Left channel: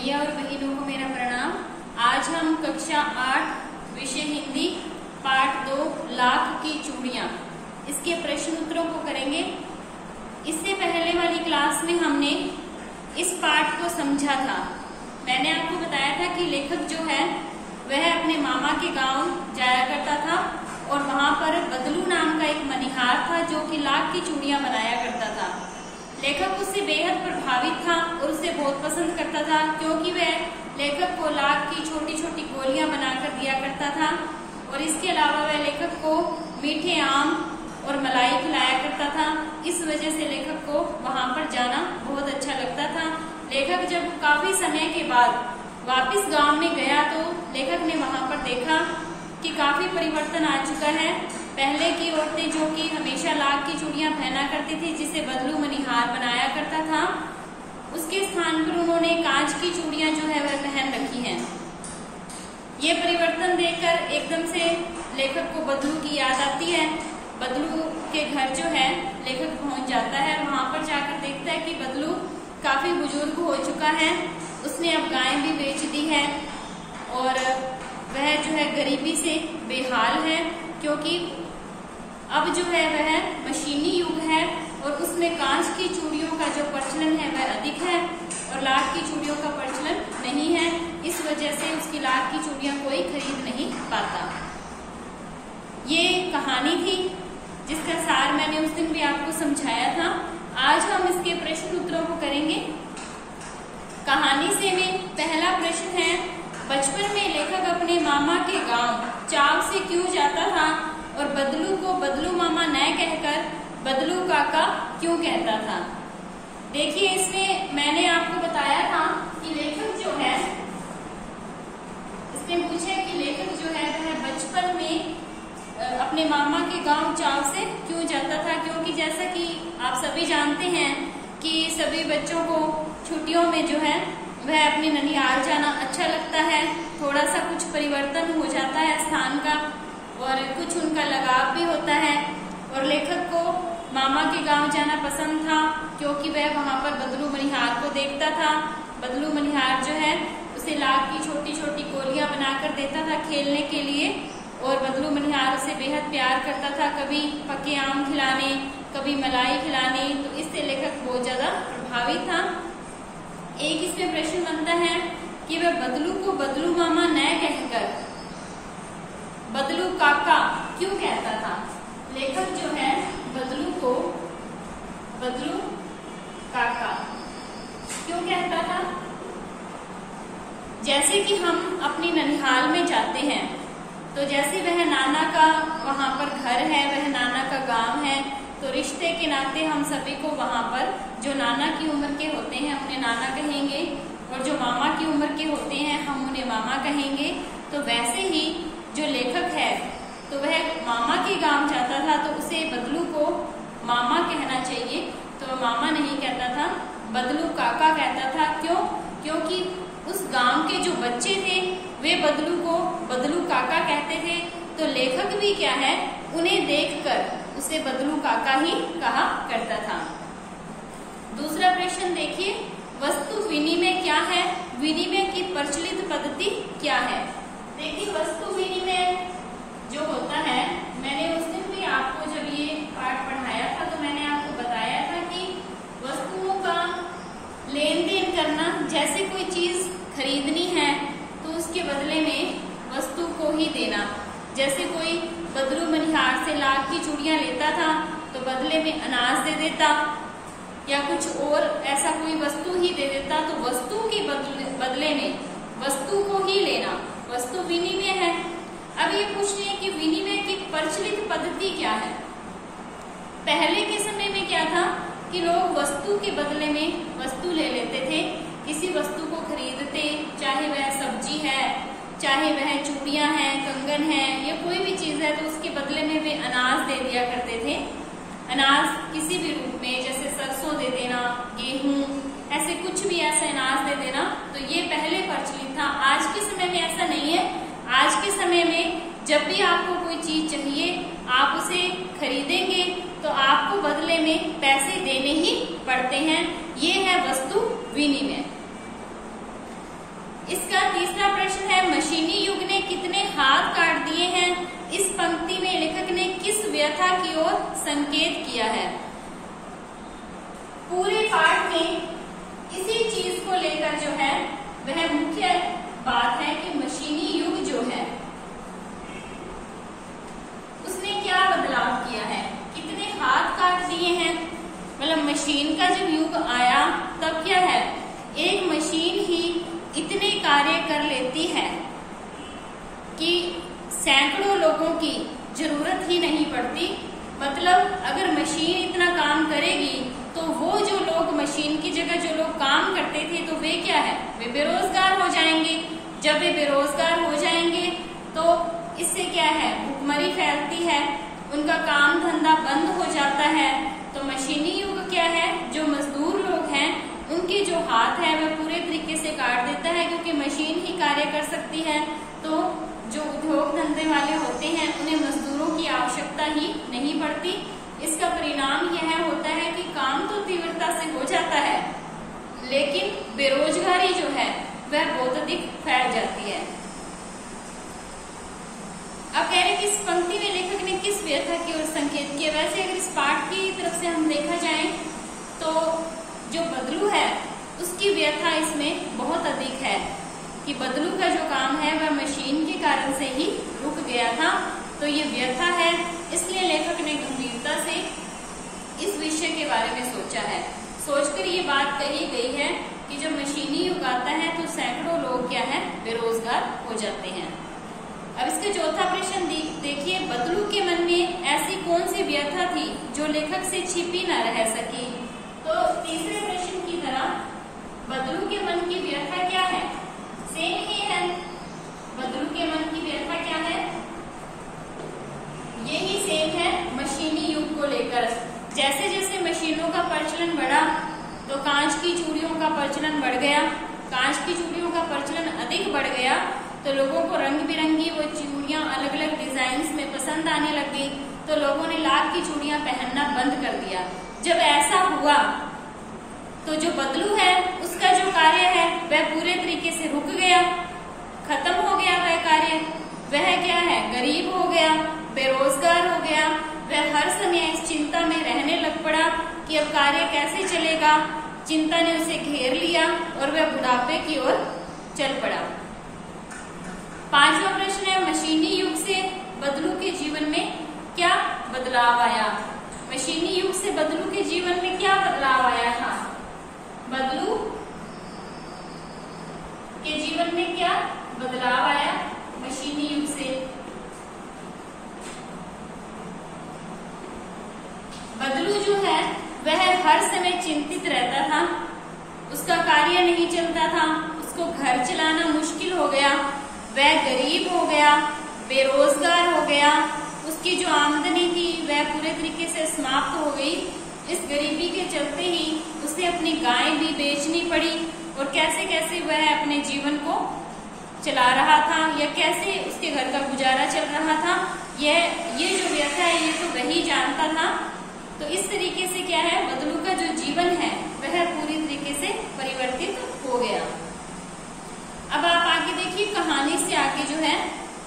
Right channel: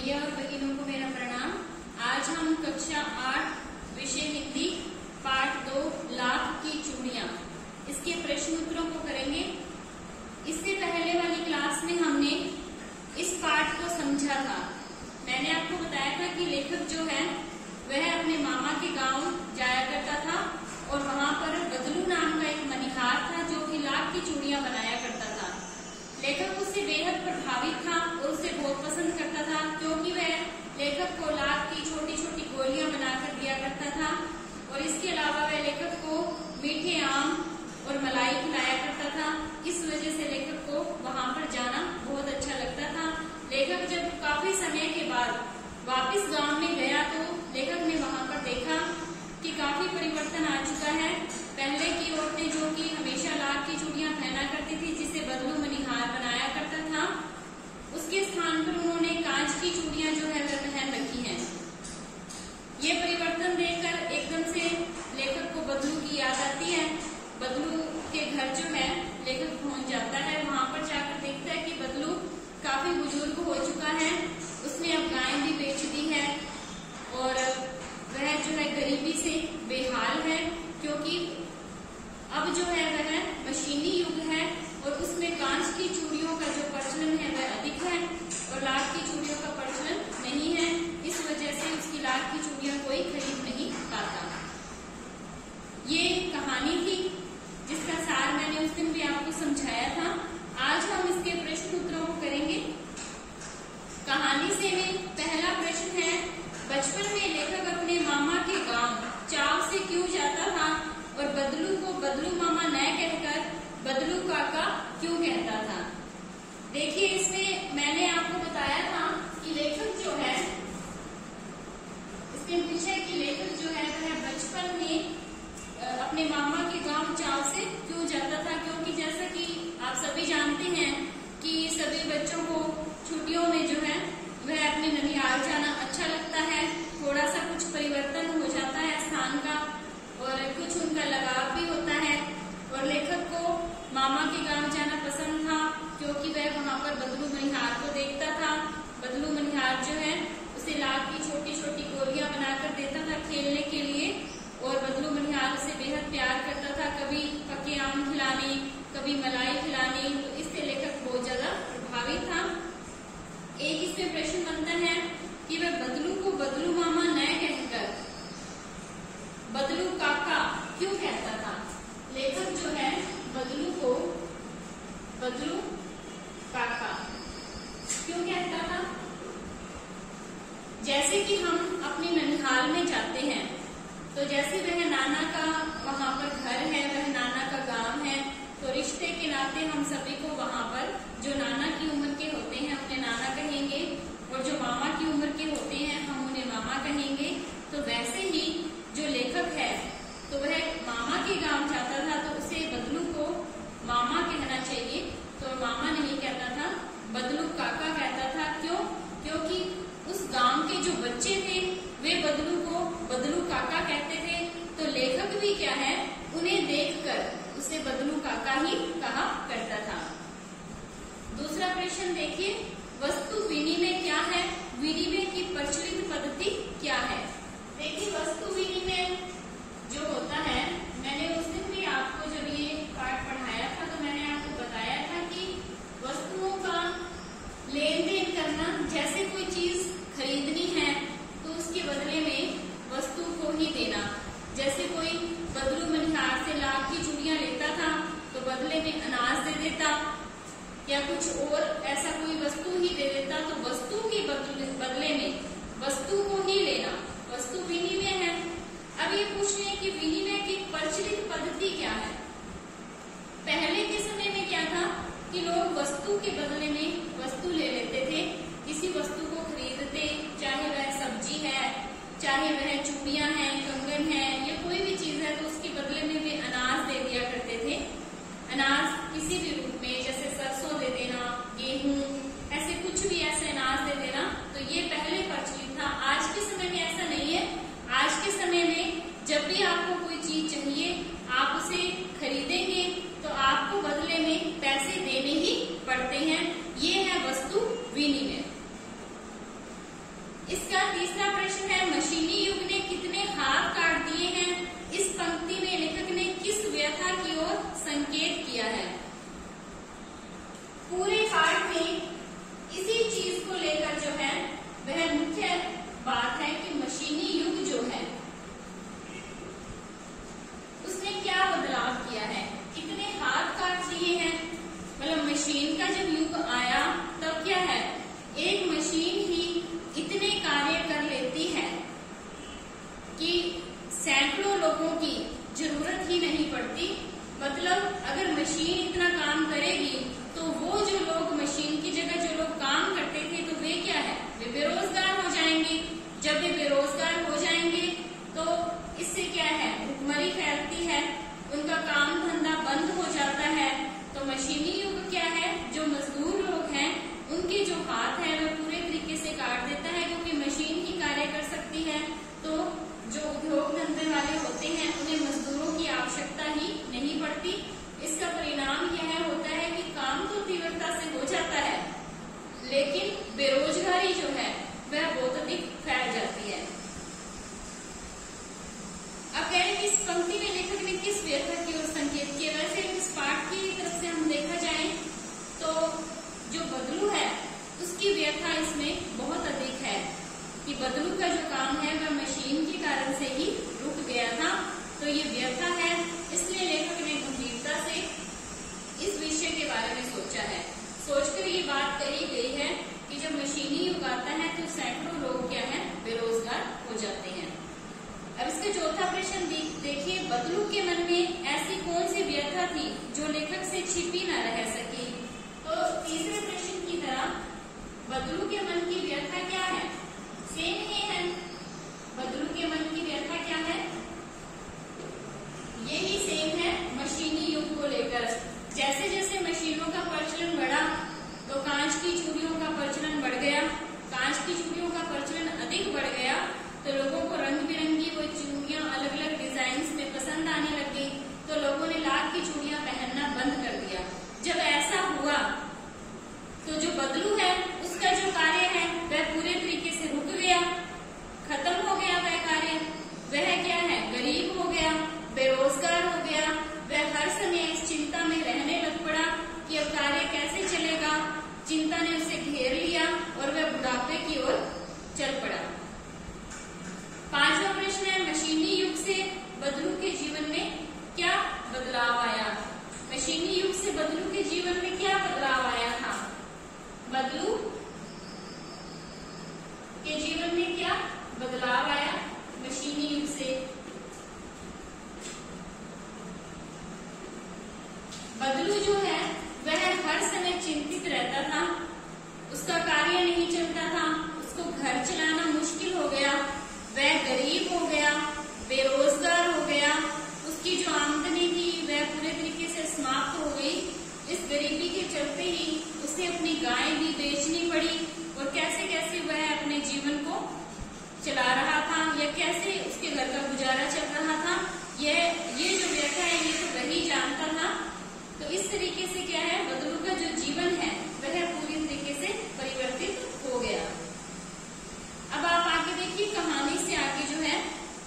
भैया और बहनों को मेरा प्रणाम। आज हम कक्षा 8 विषय हिंदी पाठ 2 लाख की चूड़ियां इसके प्रश्न उत्तरों को करेंगे। इससे पहले वाली क्लास में हमने इस पाठ को समझा था। मैंने आपको बताया था कि लेखक जो है वह अपने मामा के गांव जाया करता था और वहां पर बदलू नाम का एक मनिहार था जो कि लाख की चूड़ियां बनाया करता था। लेखक उससे बेहद प्रभावित था और उसे बहुत पसंद करता था क्योंकि वह लेखक को लाख की छोटी छोटी गोलियां बनाकर दिया करता था और इसके अलावा वह लेखक को मीठे आम और मलाई खिलाया करता था। इस वजह से लेखक को वहां पर जाना बहुत अच्छा लगता था। लेखक जब काफी समय के बाद वापस गांव में गया तो लेखक ने वहां पर देखा कि काफी परिवर्तन आ चुका है। पहले की औरतें जो कि हमेशा लाख की चूड़ियां पहना करती थी जिसे बदलू मनिहार बनाया करता था, उसके स्थान पर उन्होंने कांच की चूड़ियां जो है वह पहन रखी हैं। ये परिवर्तन देखकर एकदम से लेखक को बदलू की याद आती है। बदलू के घर जो है लेखक पहुंच जाता है। वहां पर जाकर देखता है कि बदलू काफी बुजुर्ग हो चुका है, उसने अब गाय भी बेच दी है और वह जो है गरीबी से बेहाल है क्योंकि अब जो है वह मशीनी युग है और उसमें कांच की चूड़ियों का जो प्रचलन है वह अधिक है और लाख की चूड़ियों का प्रचलन नहीं है। इस वजह से उसकी लाख की चूड़ियां कोई खरीद नहीं पाता। ये कहानी थी जिसका सार मैंने उस दिन भी आपको समझाया था। आज हम इसके प्रश्न उत्तरों को करेंगे। कहानी से में पहला प्रश्न है, बचपन में लेखक अपने मामा के गांव चाव से क्यों जाता था और बदलू को बदलू मामा न कहकर बदलू काका क्यों कहता था। देखिए, इसमें मैंने आपको बताया था कि लेखक जो है, इसमें पूछे कि लेखक जो है वह बचपन में अपने मामा के गांव चाव से क्यों जाता था, क्योंकि जैसा कि आप सभी जानते हैं कि सभी बच्चों को छुट्टियों में जो है वह अपने ननिहाल जाना अच्छा लगता है। थोड़ा सा कुछ परिवर्तन हो जाता है स्थान का और कुछ उनका लगाव भी होता है और लेखक को मामा के गांव जाना पसंद था क्योंकि वह वहां पर बदलू मनिहार को देखता था। बदलू मनिहार जो है उसे लाख की छोटी छोटी गोलियां बनाकर देता था खेलने के लिए और बदलू मनिहार उसे बेहद प्यार करता था, कभी पके आम खिलाने, कभी मलाई खिलाने। तो इससे लेखक बहुत ज्यादा प्रभावित था। एक इसमें प्रश्न बनता है कि वह बदलू को बदलू मामा न कहकर बदलू काका क्यों कहता था। लेखक जो है बदलू को बदलू काका क्यों कहता था। जैसे कि हम अपनी ननिहाल में जाते हैं तो जैसे वह नाना का वहां पर घर है, वह नाना का गांव है, तो रिश्ते के नाते हम सभी को वहां पर जो नाना की उम्र के होते हैं अपने नाना कहेंगे और जो मामा की उम्र के होते हैं हम उन्हें मामा कहेंगे। तो वैसे ही जो लेखक है तो वह मामा के गांव जाता था तो उसे बदलू को मामा कहना चाहिए, तो मामा नहीं कहता था, बदलू काका कहता था। क्यों? क्योंकि उस गांव के जो बच्चे थे वे बदलू को बदलू काका कहते थे, तो लेखक भी क्या है उन्हें देखकर उसे बदलू काका ही कहा करता था। दूसरा प्रश्न देखिए, वस्तु विनिमय क्या है, विनिमय की प्रचलित पद्धति क्या है। देखिए, वस्तु विनिमय जो होता है, मैंने उस दिन भी आपको जब ये पाठ पढ़ाया था तो मैंने आपको बताया था कि वस्तुओं का लेन देन करना, जैसे कोई चीज खरीदनी है तो उसके बदले में वस्तु को ही देना। जैसे कोई बदलू मनिहार से लाख की चूड़ियां लेता था तो बदले में अनाज दे देता या कुछ और ऐसा कोई वस्तु ही दे देता, तो वस्तु के बदले में वस्तु को ही लेना वस्तु विनिमय है। अब ये पूछ रहे हैं कि विनिमय की प्रचलित पद्धति क्या है। पहले के समय में क्या था कि लोग वस्तु के बदले में वस्तु ले लेते थे। किसी वस्तु को खरीदते, चाहे वह सब्जी है, चाहे वह चूड़ियां हैं, कंगन है या कोई भी चीज है, तो उसके बदले में वे अनाज दे दिया करते थे। अनाज किसी भी रूप में, जैसे सरसों दे देना, गेहूं, ऐसे कुछ भी ऐसे अनाज दे देना, तो ये पहले प्रचलित था। आज के समय में ऐसा नहीं है। आज के समय में जब भी आपको कोई चीज चाहिए आप उसे खरीदेंगे तो आपको बदले में पैसे देने ही पड़ते हैं। ये है वस्तु विनिमय। वह मुख्य बात है कि मशीनी युग जो है उसने क्या बदलाव किया है, कितने हाथ काट लिए हैं। मतलब मशीन का जब युग आया तब क्या है, एक मशीन ही इतने कार्य कर लेती है कि सैकड़ों लोगों की जरूरत ही नहीं पड़ती। मतलब अगर मशीन इतना काम करेगी तो वो जो लोग मशीन की जगह जो लोग काम करते थे तो वे क्या है, वे बेरोजगार हो जाएंगे। जब वे बेरोजगार हो जाएंगे तो इससे क्या है, भुखमरी फैलती है, उनका काम धंधा बंद हो जाता है। तो मशीनी युग क्या है, जो मजदूर लोग हैं उनके जो हाथ है वह पूरे तरीके से काट देता है, क्योंकि मशीन ही कार्य कर सकती है। तो जो उद्योग धंधे वाले होते हैं उन्हें मजदूरों की आवश्यकता ही नहीं पड़ती। इसका परिणाम यह होता है कि काम तो तीव्रता से हो जाता है, लेकिन बेरोजगारी जो है वह बहुत अधिक फैल जाती है। अब कह रहे कि इस पंक्ति में लेखक ने किस व्यथा की ओर संकेत किया। वैसे अगर इस पाठ की तरफ से हम देखा जाए तो जो बदलू है उसकी व्यथा इसमें बहुत अधिक है कि बदलू का जो काम है वह मशीन के कारण से ही रुक गया था। तो ये व्यथा है, इसलिए लेखक ने गंभीरता से इस विषय के बारे में सोचा है। सोचकर ये बात कही गई है कि जब मशीनी युग आता है तो सैकड़ों लोग क्या है, बेरोजगार हो जाते हैं। अब इसका चौथा प्रश्न देखिए, बदलू के मन में ऐसी कौन सी व्यथा थी जो लेखक से छिपी न रह सकी। तो तीसरे प्रश्न की तरह बदलू के मन की व्यथा क्या है, सेम ही है। बदलू के मन की व्यथा क्या है, यही सेम है मशीनी युग को लेकर। जैसे जैसे मशीनों का प्रचलन बढ़ा तो कांच की चूड़ियों का प्रचलन बढ़ गया। कांच की चूड़ियों का प्रचलन अधिक बढ़ गया तो लोगों को रंग बिरंगी वो चूड़ियां अलग अलग डिजाइन में पसंद आने लगी, तो लोगों ने लाख की चूड़ियां पहनना बंद कर दिया। जब ऐसा हुआ तो जो बदलू है उसका जो कार्य है वह पूरे तरीके से रुक गया, खत्म हो गया वह कार्य। वह क्या है, गरीब हो गया, बेरोजगार हो गया। वह हर समय इस चिंता में रहने लग पड़ा कि अब कार्य कैसे चलेगा। चिंता ने उसे घेर लिया और वह बुढ़ापे की ओर चल पड़ा। पांचवा प्रश्न है, मशीनी युग से बदलू के जीवन में क्या बदलाव आया। मशीनी युग से बदलू के जीवन में क्या बदलाव आया था। बदलू के जीवन में क्या बदलाव आया मशीनी युग से। बदलू जो है वह हर समय चिंतित रहता था, उसका कार्य नहीं चलता था, उसको घर चलाना मुश्किल हो गया, वह गरीब हो गया, बेरोजगार हो गया, उसकी जो आमदनी थी वह पूरे तरीके से समाप्त हो गई। इस गरीबी के चलते ही उसे अपनी गाय भी बेचनी पड़ी और कैसे कैसे वह अपने जीवन को चला रहा था या कैसे उसके घर का गुजारा चल रहा था, ये जो व्यथा है ये तो वही जानता था। तो इस तरीके से क्या है, बदलू का जो जीवन है वह पूरी तरीके से परिवर्तित हो गया। अब आप आगे देखिए, कहानी से आगे जो है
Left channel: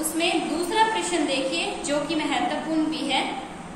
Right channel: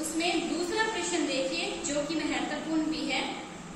उसमें दूसरा प्रश्न देखिए जो कि महत्वपूर्ण भी है।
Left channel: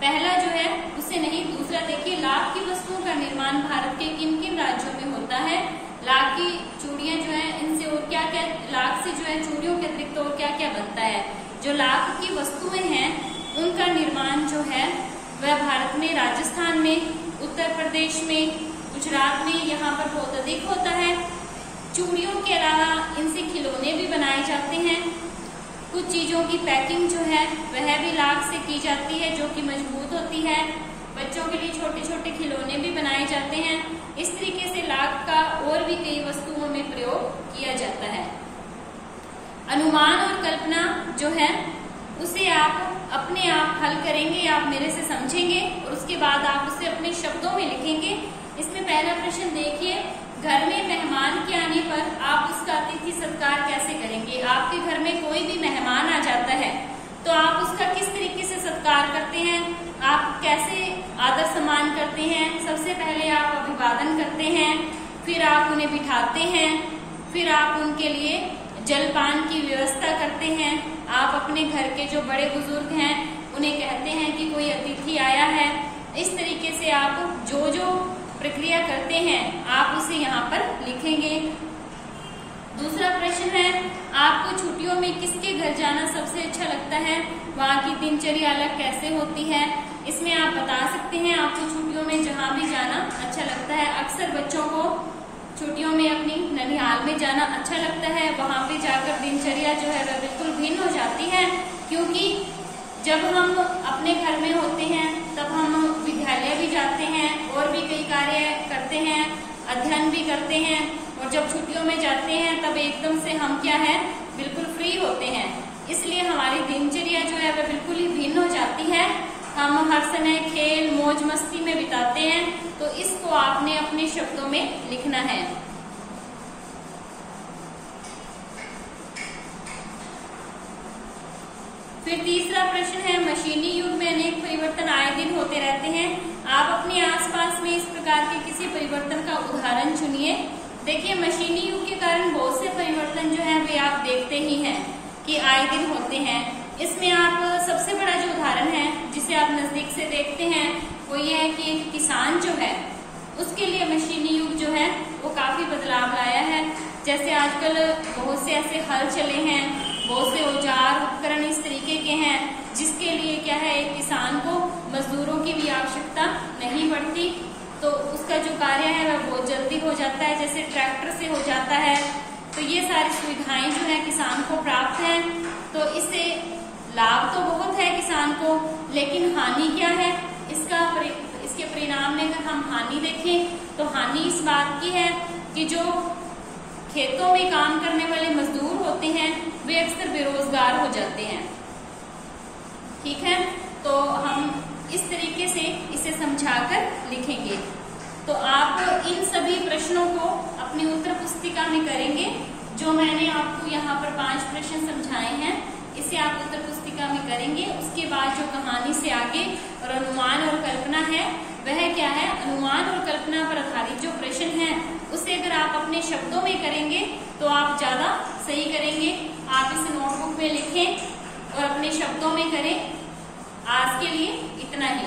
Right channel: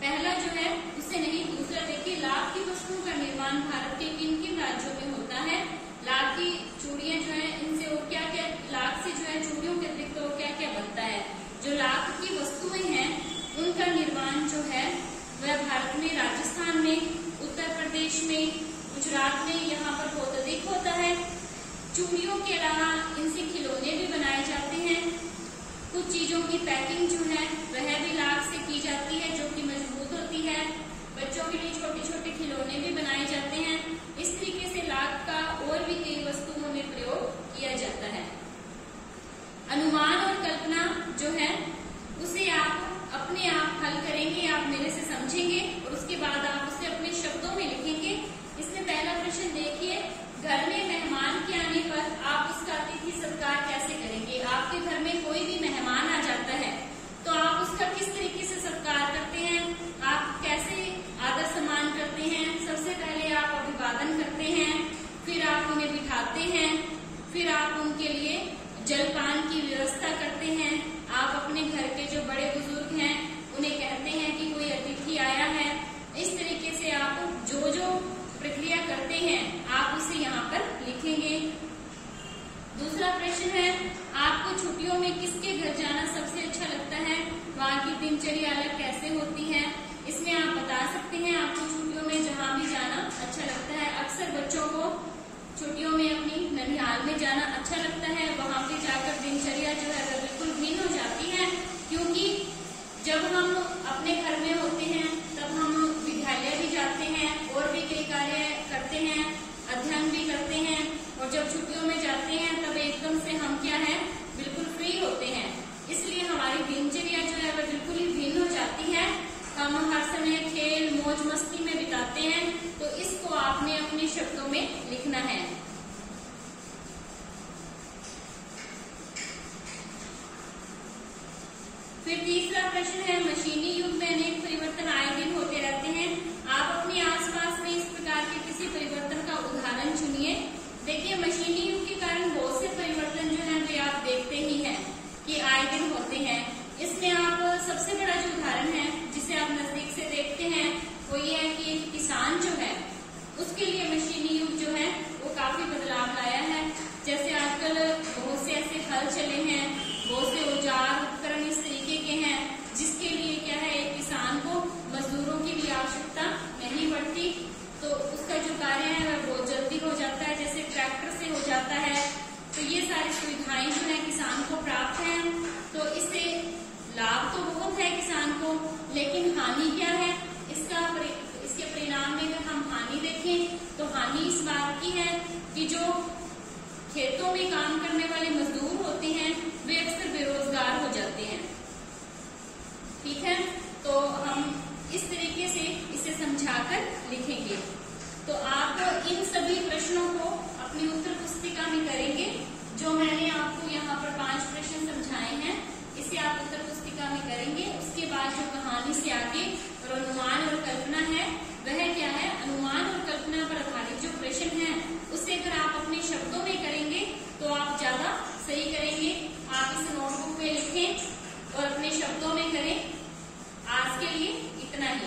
पहला जो है उसे नहीं, दूसरा देखिए, लाख की वस्तुओं का निर्माण भारत के किन किन राज्यों में होता है। लाख की चूड़ियां जो है इनसे और क्या क्या, लाख से जो है चूड़ियों के अतिरिक्त और क्या क्या बनता है। जो लाख की वस्तुएं हैं उनका निर्माण जो है वह भारत में राजस्थान में, उत्तर प्रदेश में, गुजरात में यहाँ पर बहुत अधिक होता है। चूड़ियों के अलावा इनसे खिलौने भी बनाए जाते हैं। कुछ चीजों की पैकिंग जो है वह भी लाख से की जाती है जो कि मजबूत होती है। बच्चों के लिए छोटे छोटे खिलौने भी बनाए जाते हैं। इस तरीके से लाख का और भी कई वस्तुओं में प्रयोग किया जाता है। अनुमान और कल्पना जो है उसे आप अपने आप हल करेंगे, आप मेरे से समझेंगे और उसके बाद आप उसे अपने शब्दों में लिखेंगे। इसमें पहला प्रश्न देखिए, घर में मेहमान के आने पर आप उसका अतिथि सत्कार कैसे करेंगे। आपके घर में कोई भी मेहमान आ जाता है तो आप उसका किस तरीके से सत्कार करते हैं, आप कैसे आदर सम्मान करते हैं। सबसे पहले आप अभिवादन करते हैं, फिर आप उन्हें बिठाते हैं, फिर आप उनके लिए जलपान की व्यवस्था करते हैं। आप अपने घर के जो बड़े बुजुर्ग हैं उन्हें कहते हैं कि कोई अतिथि आया है। इस तरीके से आप जो जो प्रक्रिया करते हैं आप उसे यहाँ पर लिखेंगे। दूसरा प्रश्न है, आपको छुट्टियों में किसके घर जाना सबसे अच्छा लगता है? वहाँ की दिनचर्या अलग कैसे होती है? इसमें आप बता सकते हैं आपको छुट्टियों में जहाँ भी जाना अच्छा लगता है। अक्सर बच्चों को छुट्टियों में अपनी ननिहाल में जाना अच्छा लगता है। वहाँ पे जाकर दिनचर्या जो है वह बिल्कुल भिन्न हो जाती है, क्योंकि जब हम अपने घर में होते हैं तब हम विद्यालय भी जाते हैं और भी कई कार्य करते हैं, अध्ययन भी करते हैं, और जब छुट्टियों में जाते हैं तब एकदम से हम क्या है, बिल्कुल फ्री होते हैं। इसलिए हमारी दिनचर्या जो है वह बिल्कुल ही भिन्न हो जाती है। हम हर समय खेल मौज मस्ती में बिताते हैं, तो इसको आपने अपने शब्दों में लिखना है। फिर तीसरा प्रश्न है, मशीनी युग में अनेक परिवर्तन आए दिन होते रहते हैं। आप अपने आसपास में इस प्रकार के किसी परिवर्तन का उदाहरण चुनिए। देखिए, मशीनी युग के कारण बहुत से परिवर्तन जो है वे आप देखते ही हैं कि आए दिन होते हैं। इसमें आप सबसे बड़ा जो उदाहरण है जिसे आप नजदीक से देखते हैं वो ये है कि एक किसान जो है उसके लिए मशीनी युग जो है वो काफी बदलाव लाया है। जैसे आजकल बहुत से ऐसे हल चले हैं, बहुत से औजार उपकरण इस तरीके के हैं जिसके लिए क्या है, एक किसान को मजदूरों की भी आवश्यकता नहीं पड़ती, तो उसका जो कार्य है वह बहुत जल्दी हो जाता है, जैसे ट्रैक्टर से हो जाता है। तो ये सारी सुविधाएं जो है किसान को प्राप्त है। तो इससे लाभ तो बहुत है किसान को, लेकिन हानि क्या है इसके परिणाम में अगर हम हानि देखें तो हानि इस बात की है कि जो खेतों में काम करने वाले मजदूर होते हैं वे अक्सर बेरोजगार हो जाते हैं। ठीक है, तो हम इस तरीके से इसे समझाकर लिखेंगे। तो आप इन सभी प्रश्नों को अपनी उत्तर पुस्तिका में करेंगे। जो मैंने आपको यहाँ पर 5 प्रश्न समझाए हैं इसे आप उत्तर पुस्तिका में करेंगे। उसके बाद जो कहानी से आगे और अनुमान और कल्पना है वह क्या है, अनुमान और कल्पना पर आधारित जो प्रश्न है उसे अगर आप अपने शब्दों में करेंगे तो आप ज्यादा सही करेंगे। आप इसे नोटबुक में लिखें और अपने शब्दों में करें। आज के लिए इतना ही।